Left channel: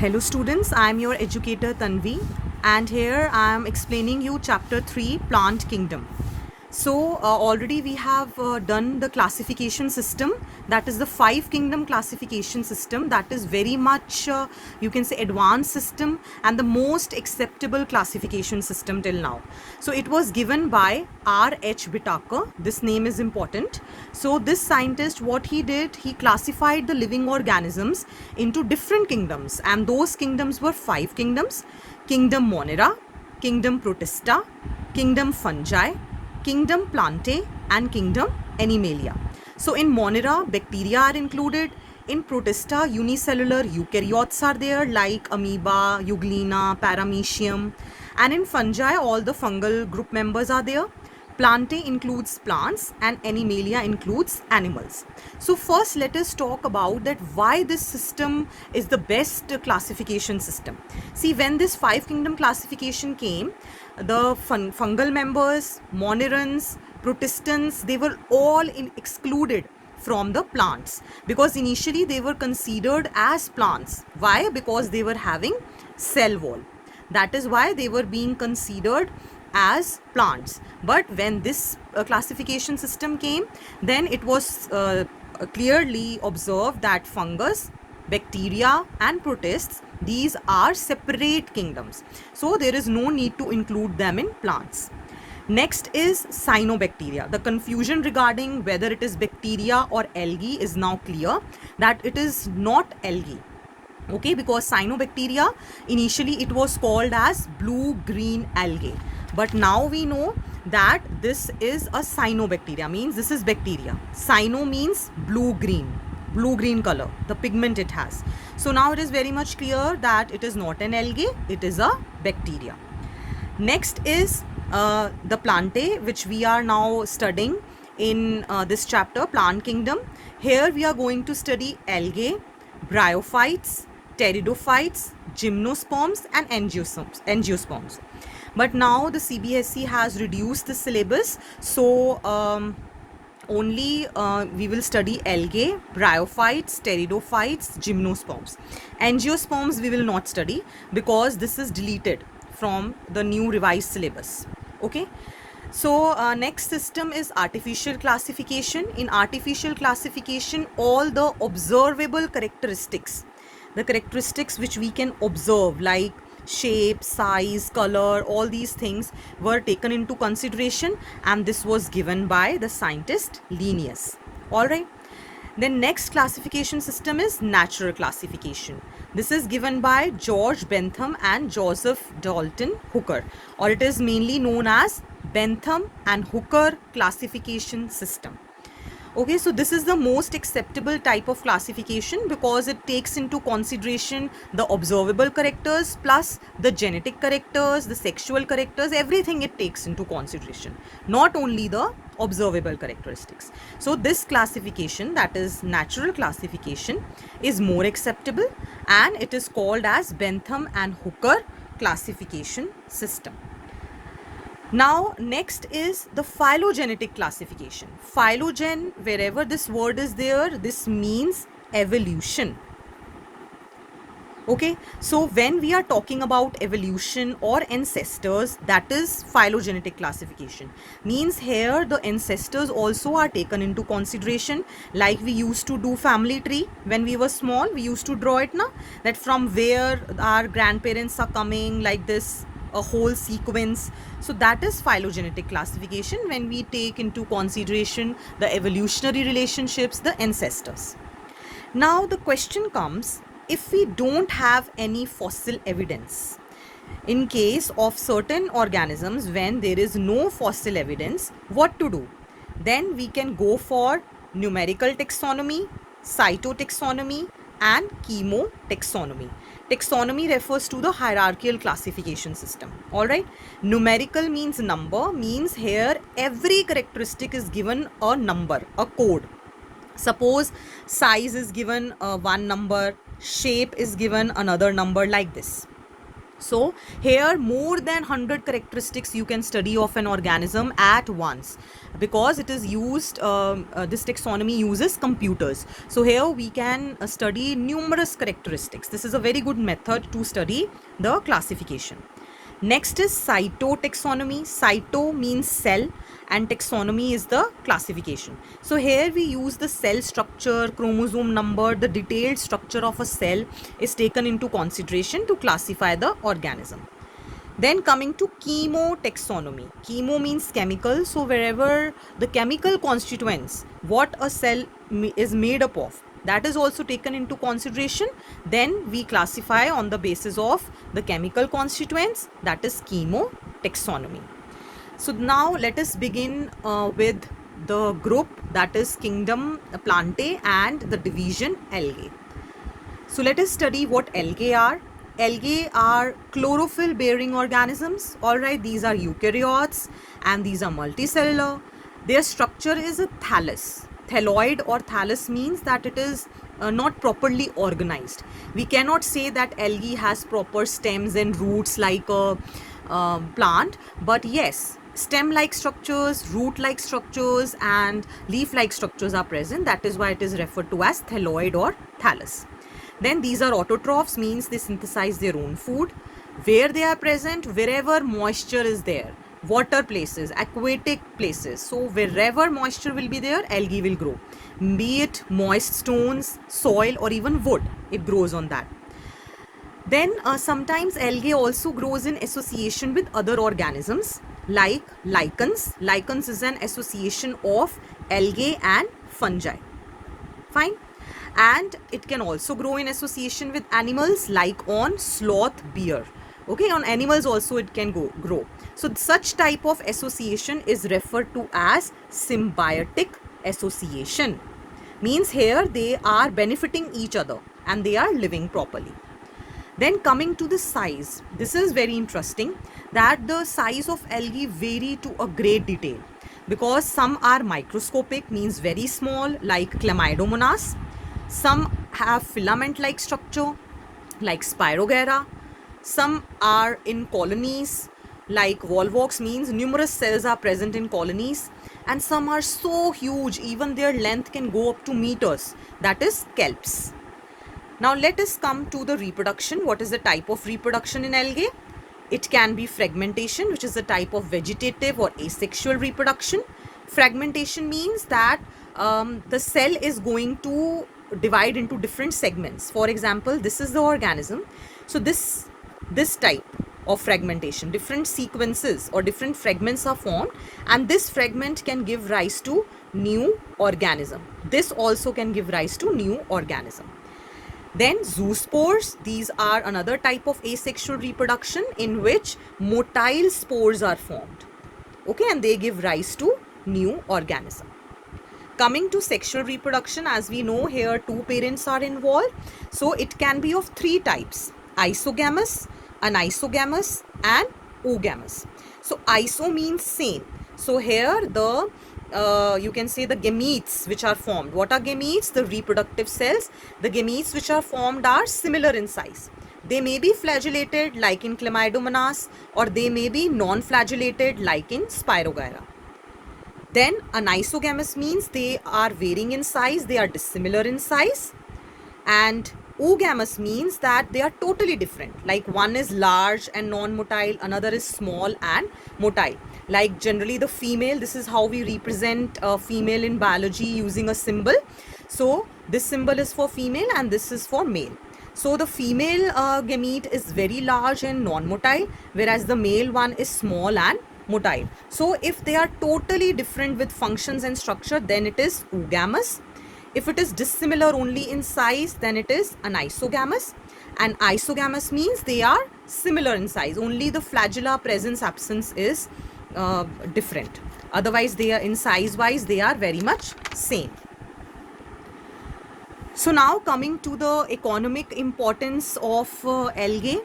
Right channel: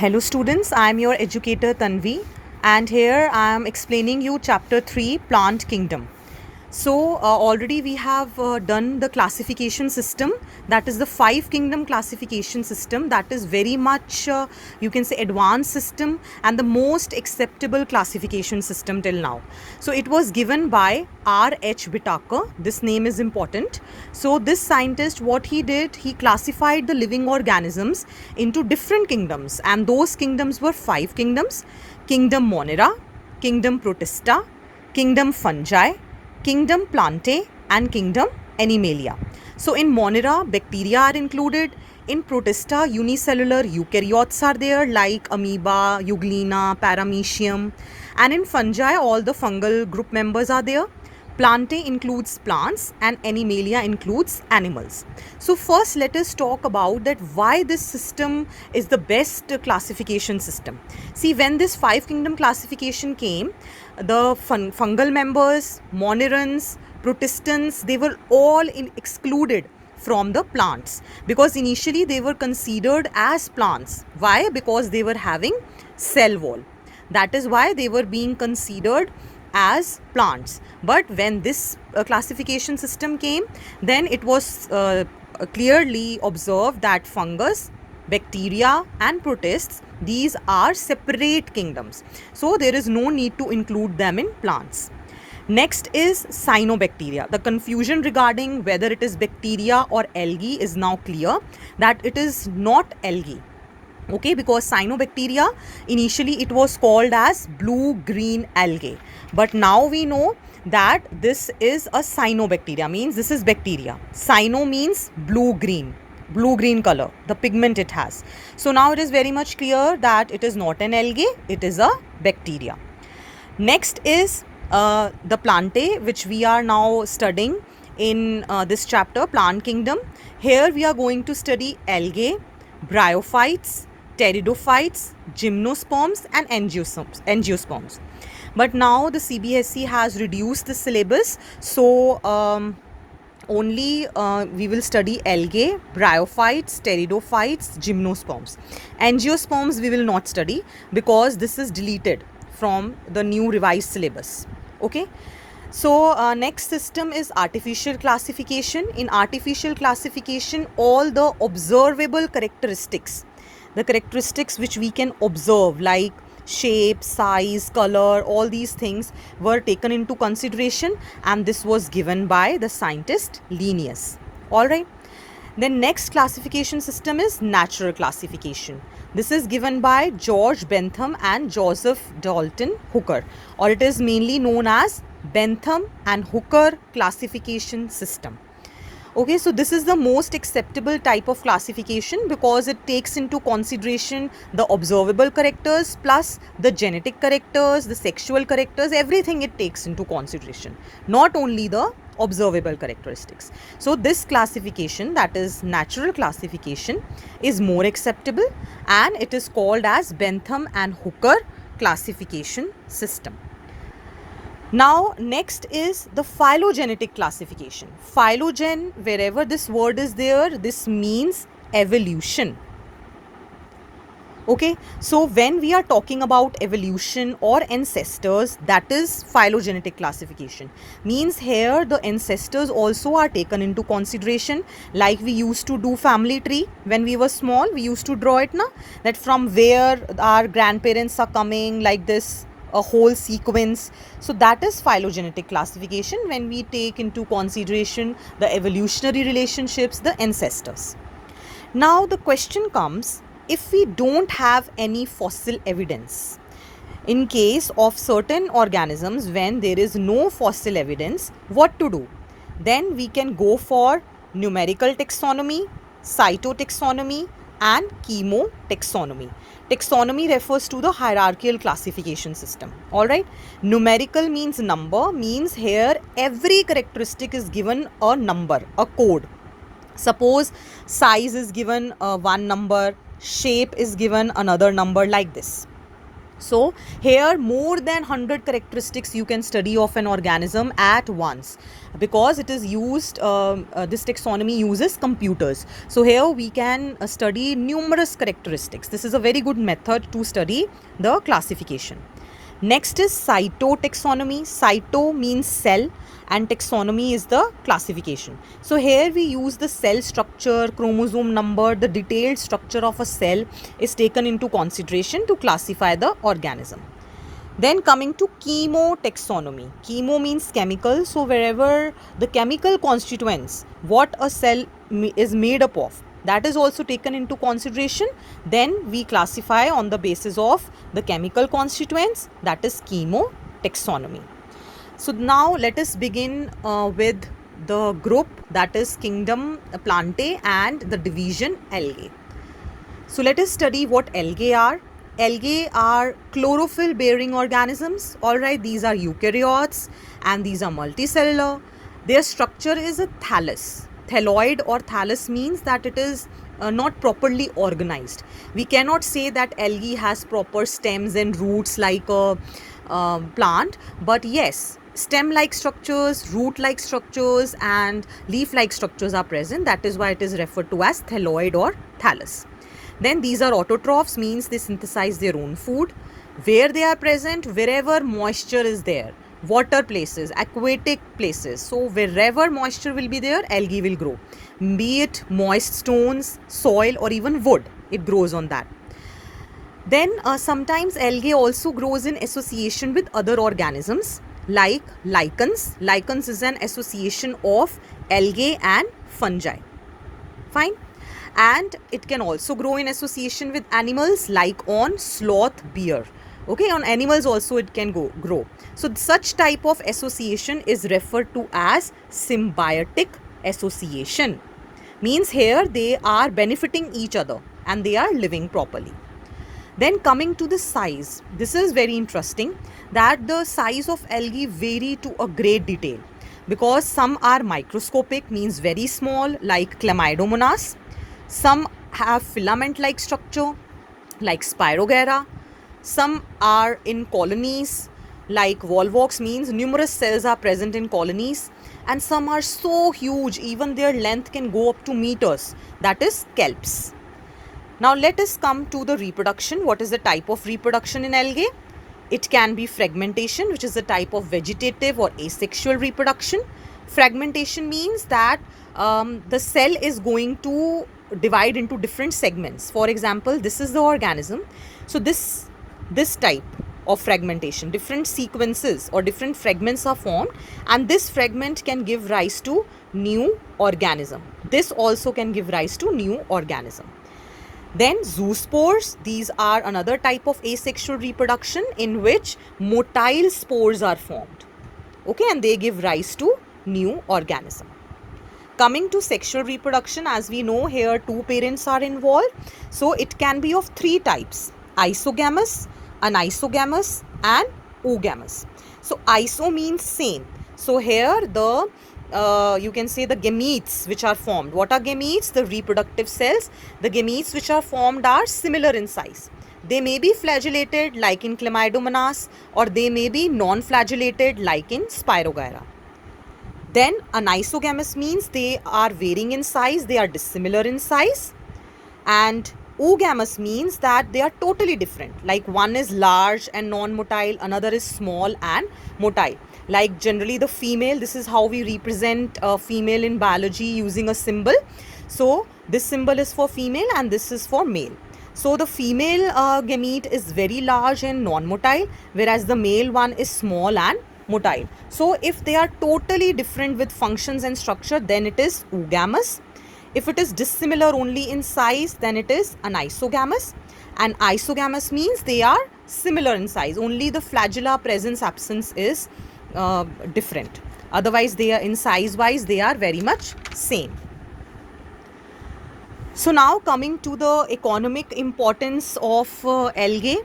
Hello students, I am your educator Tanvi and here I am explaining you chapter 3 Plant Kingdom. So already we have done the classification system, that is the 5 kingdom classification system, that is very much you can say advanced system and the most acceptable classification system till now. So it was given by R.H. Whitaker. This name is important. So this scientist, what he did, he classified the living organisms into different kingdoms, and those kingdoms were 5 kingdoms: Kingdom Monera, Kingdom Protista, Kingdom Fungi, Kingdom Plantae, and Kingdom Animalia. So in Monera, bacteria are included. In Protista, unicellular eukaryotes are there like amoeba, euglena, paramecium. And in fungi, all the fungal group members are there. Plantae includes plants and Animalia includes animals. So first let us talk about that why this system is the best classification system. See, when this 5 kingdom classification came, the fungal members, monerans, protistans, they were all excluded from the plants because initially they were considered as plants. Why? Because they were having cell wall. That is why they were being considered as plants. But when this classification system came, then it was clearly observed that fungus, bacteria and protists, these are separate kingdoms. So there is no need to include them in plants. Next is cyanobacteria. The confusion regarding whether it is bacteria or algae is now clear that it is not algae. Okay, because cyanobacteria, initially it was called as blue-green algae. But now we know that this is a cyanobacteria, means this is bacteria. Cyano means blue-green color, the pigment it has. So now it is very much clear that it is not an algae, it is a bacteria. Next is the Plantae, which we are now studying in this chapter, Plant Kingdom. Here we are going to study algae, bryophytes, pteridophytes, gymnosperms and angiosperms. But now the CBSE has reduced the syllabus, so only we will study algae, bryophytes, pteridophytes, gymnosperms. Angiosperms we will not study because this is deleted from the new revised syllabus. Okay. So next system is artificial classification. In artificial classification, all the observable characteristics, the characteristics which we can observe like shape, size, color, all these things were taken into consideration, and this was given by the scientist Linnaeus. All right. Then next classification system is natural classification. This is given by George Bentham and Joseph Dalton Hooker, or it is mainly known as Bentham and Hooker classification system. Okay, so this is the most acceptable type of classification because it takes into consideration the observable characters plus the genetic characters, the sexual characters, everything it takes into consideration, not only the observable characteristics. So this classification, that is natural classification, is more acceptable and it is called as Bentham and Hooker classification system. Now next is the phylogenetic classification. Phylogen, wherever this word is there, this means evolution. Okay, so when we are talking about evolution or ancestors, that is phylogenetic classification. Means here the ancestors also are taken into consideration, like we used to do family tree when we were small. We used to draw it now, that from where our grandparents are coming, like this, a whole sequence. So that is phylogenetic classification when we take into consideration the evolutionary relationships, the ancestors. Now the question comes, if we don't have any fossil evidence, in case of certain organisms when there is no fossil evidence, what to do? Then we can go for numerical taxonomy, cytotaxonomy and chemotaxonomy. Taxonomy refers to the hierarchical classification system. All right. Numerical means number, means here every characteristic is given a number, a code. Suppose size is given one number, shape is given another number, like this. So here more than 100 characteristics you can study of an organism at once, because it is used, this taxonomy uses computers. So here we can study numerous characteristics. This is a very good method to study the classification. Next is cytotaxonomy. Cyto means cell and taxonomy is the classification. So here we use the cell structure, chromosome number, the detailed structure of a cell is taken into consideration to classify the organism. Then coming to chemotaxonomy. Chemo means chemical. So wherever the chemical constituents, what a cell is made up of, that is also taken into consideration. Then we classify on the basis of the chemical constituents, that is chemotaxonomy. So now let us begin with the group, that is kingdom Plantae and the division Algae. So let us study what algae are. Algae are chlorophyll bearing organisms. Alright, these are eukaryotes and these are multicellular. Their structure is a thallus. Thalloid or thallus means that it is not properly organized. We cannot say that algae has proper stems and roots like a plant, but yes, stem-like structures, root-like structures and leaf-like structures are present. That is why it is referred to as thalloid or thallus. Then these are autotrophs, means they synthesize their own food. Where they are present? Wherever moisture is there. Water places, aquatic places. So wherever moisture will be there, algae will grow. Be it moist stones, soil or even wood, it grows on that. Then sometimes algae also grows in association with other organisms like lichens. Lichens is an association of algae and fungi. Fine. And it can also grow in association with animals like on sloth, bear. Okay, on animals also it can grow. So such type of association is referred to as symbiotic association. Means here they are benefiting each other and they are living properly. Then coming to the size, this is very interesting that the size of algae vary to a great detail, because some are microscopic, means very small, like Chlamydomonas. Some have filament-like structure like Spirogyra. Some are in colonies like Volvox, means numerous cells are present in colonies. And some are so huge, even their length can go up to meters, that is kelps. Now let us come to the reproduction. What is the type of reproduction in algae? It can be fragmentation, which is a type of vegetative or asexual reproduction. Fragmentation means that the cell is going to divide into different segments. For example, this is the organism. So this type of fragmentation, different sequences or different fragments are formed, and this fragment can give rise to new organism. This also can give rise to new organism. Then zoospores, these are another type of asexual reproduction in which motile spores are formed. Okay, and they give rise to new organism. Coming to sexual reproduction, as we know here two parents are involved. So it can be of three types: isogamous, anisogamous and oogamous. So iso means same. So here the you can say the gametes which are formed. What are gametes? The reproductive cells. The gametes which are formed are similar in size. They may be flagellated like in Chlamydomonas, or they may be non-flagellated like in Spirogyra. Then anisogamous means they are varying in size, they are dissimilar in size. And oogamous means that they are totally different. Like one is large and non-motile, another is small and motile. Like generally the female, this is how we represent a female in biology using a symbol. So this symbol is for female and this is for male. So the female gamete is very large and non-motile, whereas the male one is small and motile. So if they are totally different with functions and structure, then it is oogamous. If it is dissimilar only in size, then it is anisogamous. And isogamous means they are similar in size, only the flagella presence absence is different. Otherwise they are in size wise, they are very much same. So now coming to the economic importance of algae.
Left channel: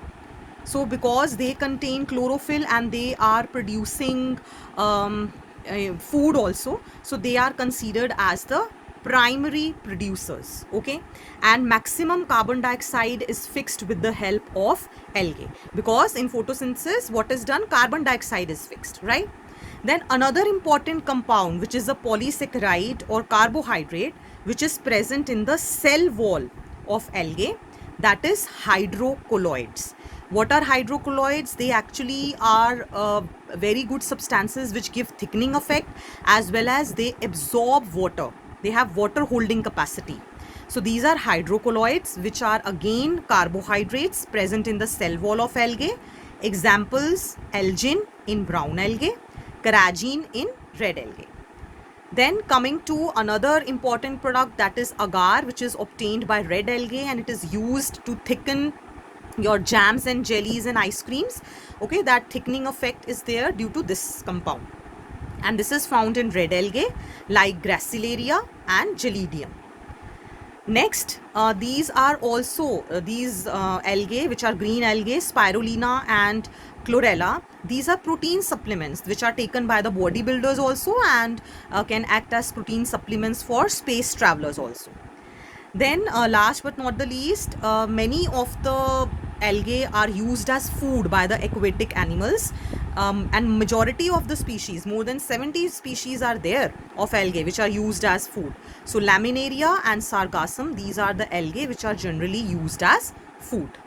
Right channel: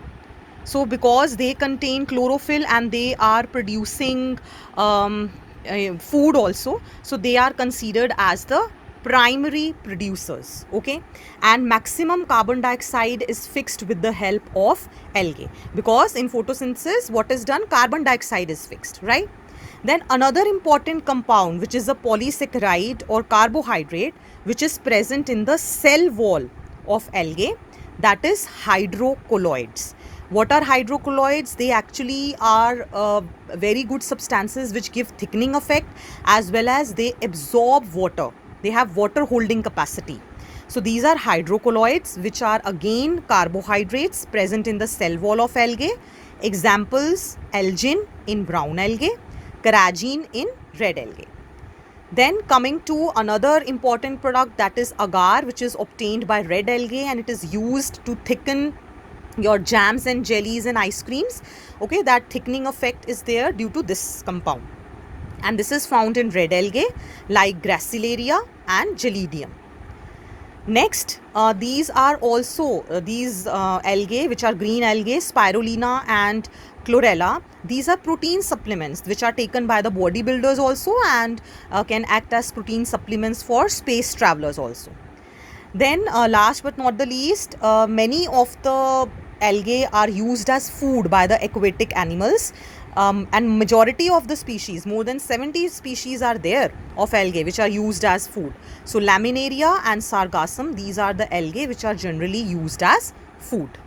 So because they contain chlorophyll and they are producing food also, so they are considered as the primary producers, okay? And maximum carbon dioxide is fixed with the help of algae, because in photosynthesis what is done, carbon dioxide is fixed, right? Then another important compound, which is a polysaccharide or carbohydrate, which is present in the cell wall of algae, that is hydrocolloids. What are hydrocolloids? They actually are very good substances which give thickening effect, as well as they absorb water. They have water holding capacity. So these are hydrocolloids, which are again carbohydrates present in the cell wall of algae. Examples: algin in brown algae, carrageen in red algae. Then coming to another important product, that is agar, which is obtained by red algae, and it is used to thicken your jams and jellies and ice creams. Okay, that thickening effect is there due to this compound, and this is found in red algae like Gracilaria and Gelidium. Next, these are also these algae, which are green algae, spirulina and chlorella. These are protein supplements which are taken by the bodybuilders also, and can act as protein supplements for space travelers also. Then last but not the least, many of the algae are used as food by the aquatic animals, and majority of the species, more than 70 species are there of algae which are used as food. So laminaria and sargassum, these are the algae which are generally used as food.